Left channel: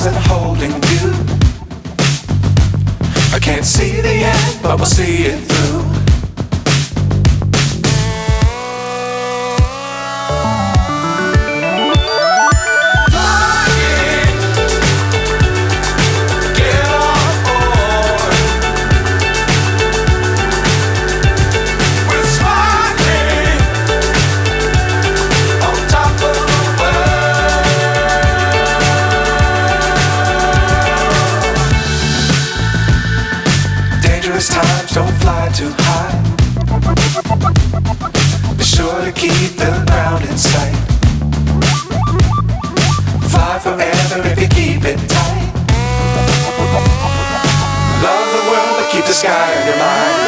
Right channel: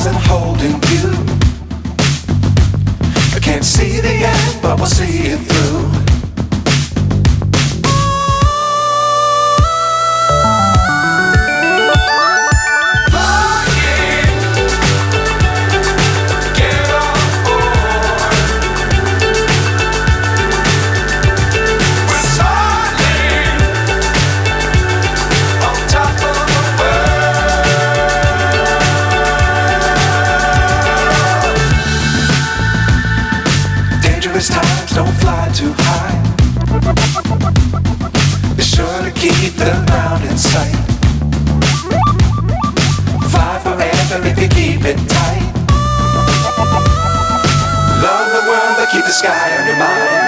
stars and holding you. I can't see the end, but we'll see it through. Times don't fly too high. Be sure to keep the ground in sight. Fly forever if you keep it tight. Love the world but keep the sky on your mind.